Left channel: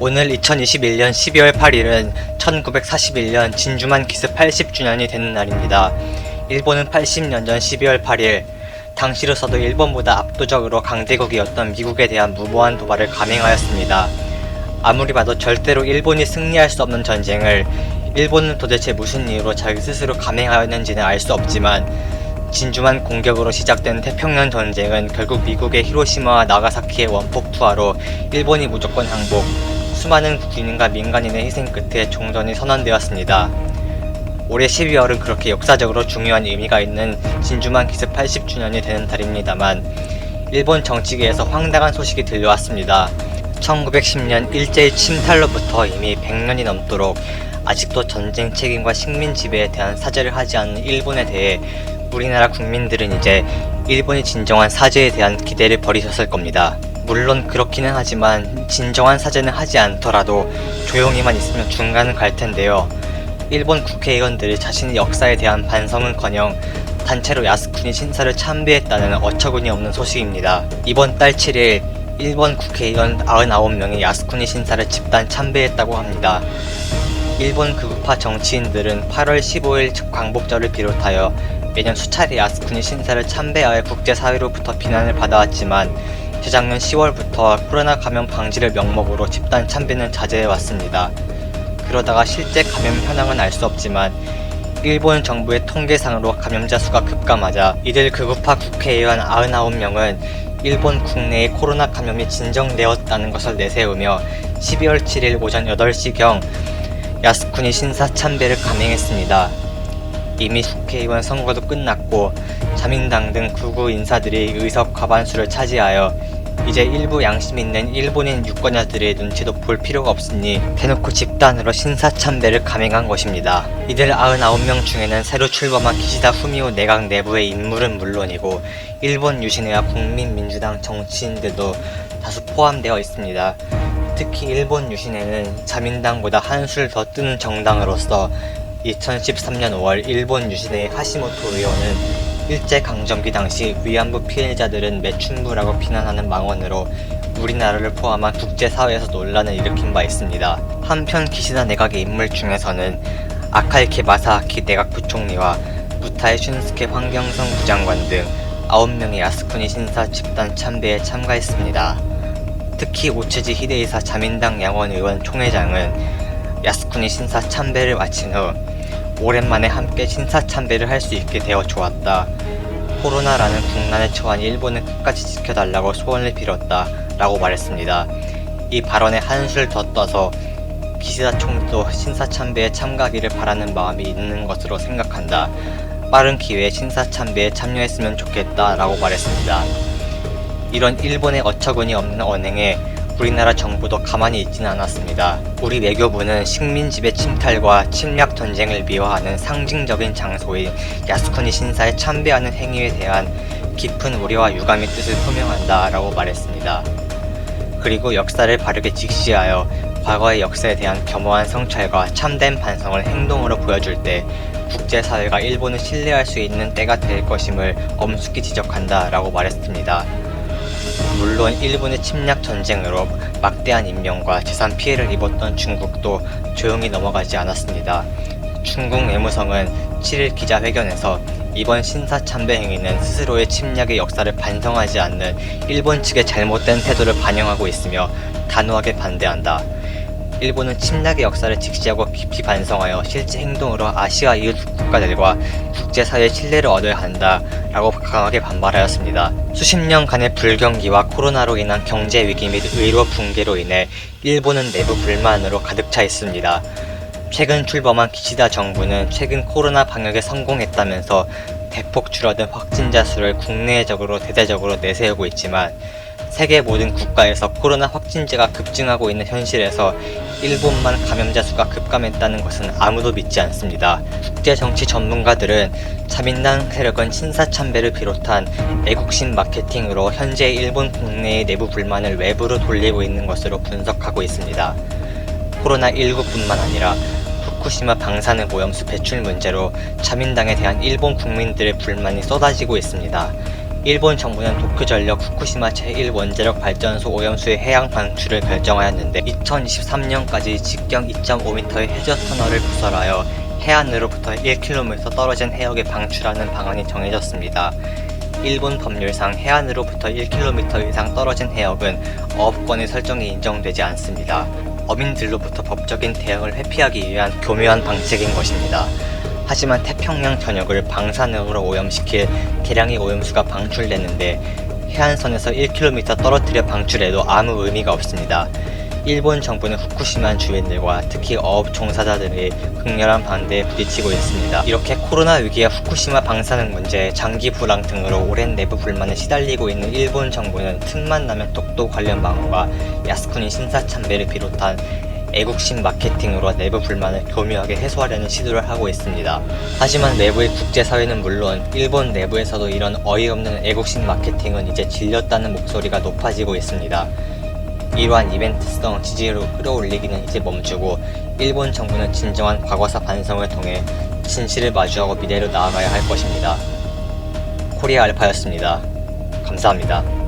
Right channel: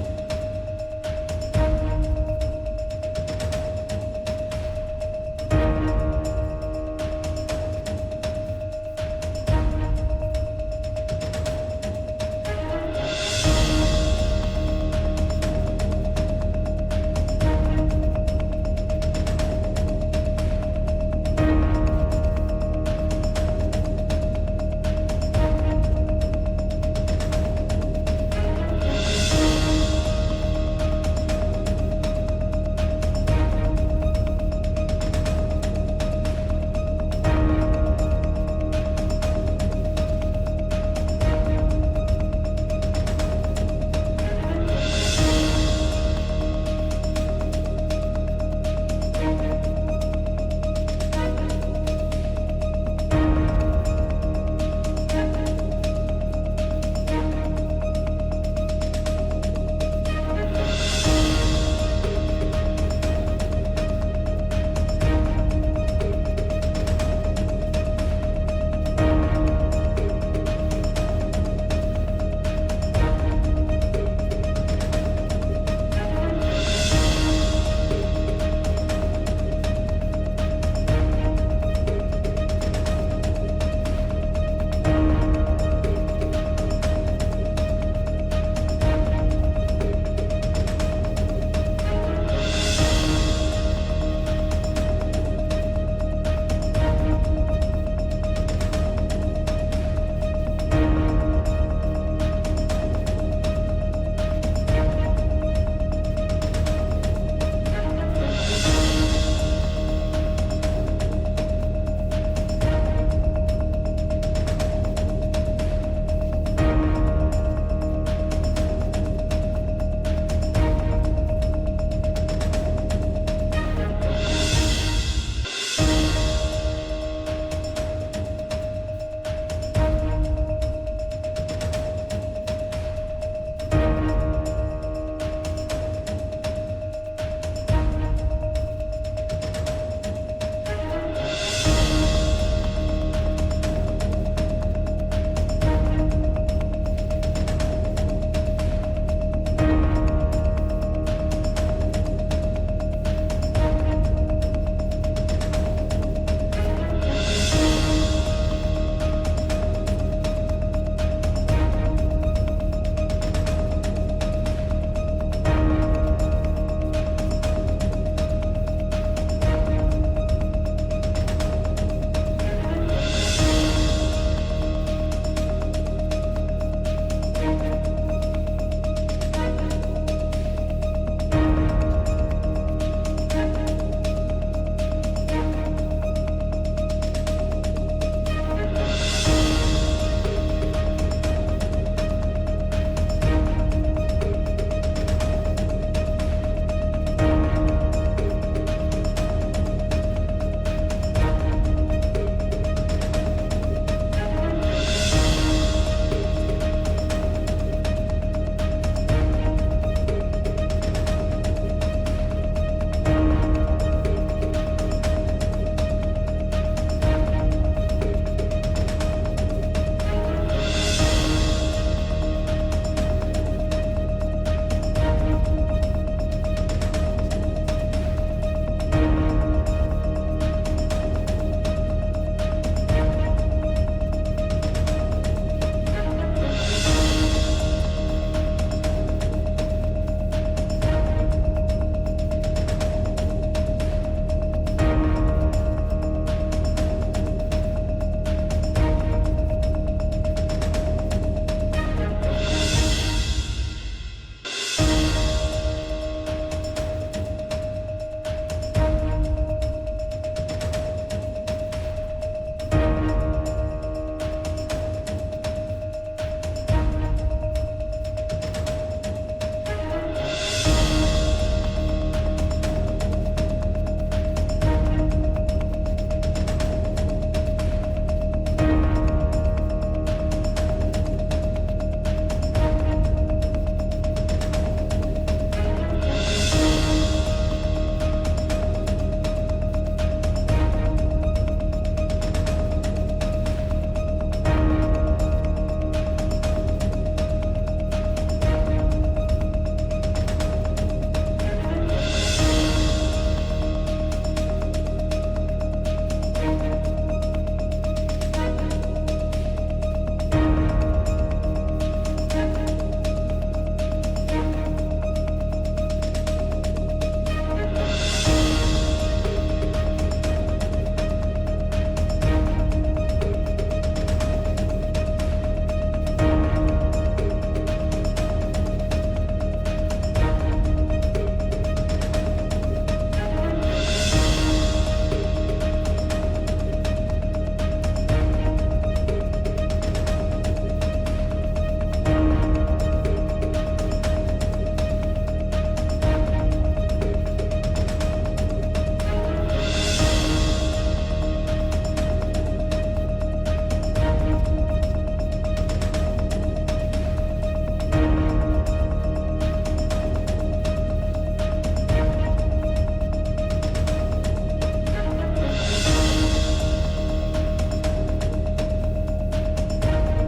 오늘 2021년 12월 8일은 1941년 진주만 기습 80주년이 되는 날입니다. 일본은 80년 전 12월 8일 당시로서도 일본보다 압도적으로 강대국이었던 미국에 대한 무모한 도발을 감행하였습니다. 아무리 봐도 절대로 일본이 승리할 수 없는 전쟁을 일본은 도대체 무슨 이유로 자기 스스로 감행하였는지는 알 수 없지만 진주만 공격으로 시작된 태평양 전쟁은 결국 미국의 히로시마와 나가사키의 원폭 투하로 일본이 무조건 항복, 수많은 군인과 민간인의 희생 끝에 종전이 선언되었습니다. 올해 12월은 그렇게 역사적으로 중요한 의미가 있는 진주만 기습 80주년이 되는 달입니다만 일본 정치계에서 황당한 소식이 들려왔습니다. 1910년 일제의 침탈로부터 이미 100년이 넘도록 아직도 전쟁 책임과 식민 지배에 대한 사죄를 하지 않는 일본에 대해 우리나라 국민들은 이제 일본이 진정한 사죄에 대한 기대를 버리셨을 겁니다. 물론 그렇기는 하지만 진정한 사죄는 하지 않더라도 조용히만 있으면 중간은 갈 텐데요. 일본 국회의원들이 자신의 역사에 대한 반성은커녕 단체로 야스쿠니 신사를 참배했다는 어처구니 없는 소식입니다. 이번 달 7일 일본 국회의원 99명이 야스쿠니 신사를 집단 참배했다고 합니다. 일본 극우파 정치인들은 8월 15일 광복절을 비롯하여 매년 수차례 야스쿠니 신사를 참배하여 국제사회로부터 비난을 받아왔지만 재작년 10월부터 코로나 감염 방지를 명목으로 집단 참배는 자제해왔습니다. 그러다가 실제 감염 현황은 알 수 없지만 일본 정부의 통계상으로 감염자 수가 급감하자 이들 극우파 국회의원 99명은 일본 국내의 코로나 감염이 진정되었다는 것을 내세우며 12월 7일 오전 8시경 야스쿠니 신사 참배를 감행했습니다. 이미 국회의원 선거도 끝났고 자민당 등 극우 인사들이 의석 과반수를 차지하여 이제 일부 양심 있는 일본인 유권자들의 눈치도 볼 필요가 없으니 대놓고 집단으로 신사 참배를 감행한 것입니다. 이들 99명 중에는 새로 출범한 기시다 후미오 내각 내부의 인물은 물론이고 일본 유신회와 국민민주당 정치인들도 다수 포함되어 있습니다. 특히 일본 유신회는 자민당보다 한술 더 뜨는 정당으로서 2013년 5월 일본 유신회의 하시모토 의원은 일제강점기 당시 위안부 피해자들은 매춘부라고 비난하는 망언으로 우리나라를 포함한 국제사회에서 논란을 일으킨 바 있습니다. 한편 기시다 내각의 인물 중에서는 아카이케 마사아키 내각 부총리와 무타에 슌스케 환경성 부장관 등 9명의 야스쿠니 신사 집단 참배에 참가했습니다. 특히 오츠지 히데이사 자민당 양원 의원 총회장은 야스쿠니 신사 참배를 마친 후 오랜만에 함께 신사 참배를 할 수 있게 되어 좋았다. 코로나라는 국난에 처한 일본을 끝까지 지켜달라고 소원을 빌었다 라고 말했습니다. 이 발언에 한술 더 떠서 기시다 총리도 신사 참배에 참가하기를 바라는 마음이 있는 것으로 생각한다. 빠른 기회에 신사 참배에 참여했으면 좋겠다 라고 말했습니다. 이런 일본의 어처구니 없는 언행에 우리나라 정부도 가만히 있지는 않았습니다. 우리 외교부는 식민지배 침탈과 침략 전쟁을 미화하는 상징적인 장소인 야스쿠니 신사에 참배하는 행위에 대한 깊은 우려와 유감의 뜻을 표명한다 라고 말했습니다. 그리고 역사를 바르게 직시하여 과거의 역사에 대한 겸허한 성찰과 참된 반성을 행동으로 보여줄 때 국제사회가 일본을 신뢰할 수 있는 때가 될 것임을 엄숙히 지적한다 라고 말했습니다. 물론 일본의 침략 전쟁으로 막대한 인명과 재산 피해를 입었던 중국도 조용히 넘어가지 않았습니다. 중국 외무성은 7일 기자회견에서 이번 신사 참배 행위는 스스로의 침략의 역사를 반성하지 않는 일본 측의 잘못된 태도를 반영하고 있으며 단호하게 반대한다. 일본은 침략의 역사를 직시하고 깊이 반성하여 실제 행동으로 아시아 이웃 국가들과 국제사회의 신뢰를 얻어야 한다 라고 강하게 반발하였습니다. 수십 년간의 불경기와 코로나로 인한 경제 위기 및 의료 붕괴로 인해 일본은 내부 불만으로 가득 차 있습니다. 최근 출범한 기시다 정부는 최근 코로나 방역에 성공했다면서 대폭 줄어든 확진자 수를 국내적으로 대대적으로 내세우고 있지만 세계 모든 국가에서 코로나 확진자가 급증하고 있는 현실에서 일본만 감염자 수가 급감했다는 것은 아무도 믿지 않습니다. 국제정치 전문가들은 자민당 세력은 신사 참배를 비롯한 애국심 마케팅으로 현재 일본 국내의 내부 불만을 외부로 돌리고 있는 것으로 분석하고 있습니다. 코로나19뿐만 아니라 후쿠시마 방사능 오염수 배출 문제로 자민당에 대한 일본 국민들의 불만이 쏟아지고 있습니다. 일본 정부는 도쿄전력 후쿠시마 제1원자력 발전소 오염수의 해양 방출을 결정하였는데 2023년까지 직경 2.5m의 해저 터널을 구설하여 해안으로부터 1km 떨어진 해역에 방출하는 방안이 정해졌습니다. 일본 법률상 해안으로부터 1km 이상 떨어진 해역은 어업권의 설정이 인정되지 않습니다. 어민들로부터 법적인 대응을 회피하기 위한 교묘한 방책인 것입니다. 하지만 태평양 전역을 방사능으로 오염시킬 대량의 오염수가 방출되는데 해안선에서 1km 떨어뜨려 방출해도 아무 의미가 없습니다. 일본 정부는 후쿠시마 주민들과 특히 어업 종사자들의 극렬한 반대에 부딪히고 있습니다. 이렇게 코로나 위기와 후쿠시마 방사능 문제, 장기 불황 등으로 오랜 내부 불만에 시달리고 있는 일본 정부는 틈만 나면 독도 관련 방어와 야스쿠니 신사참배를 비롯한 애국심 마케팅으로 내부 불만을 교묘하게 해소하려는 시도를 하고 있습니다. 하지만 내부의 국제사회는 물론 일본 내부에서도 이런 어이없는 애국심 마케팅은 이제 질렸다는 목소리가 높아지고 있습니다. 이러한 이벤트성 지지로 끌어올리기는 이제 멈추고 일본 정부는 진정한 과거사 반성을 통해 진실을 마주하고 미래로 나아가야 할 것입니다. 코리아 알파였습니다. 감사합니다.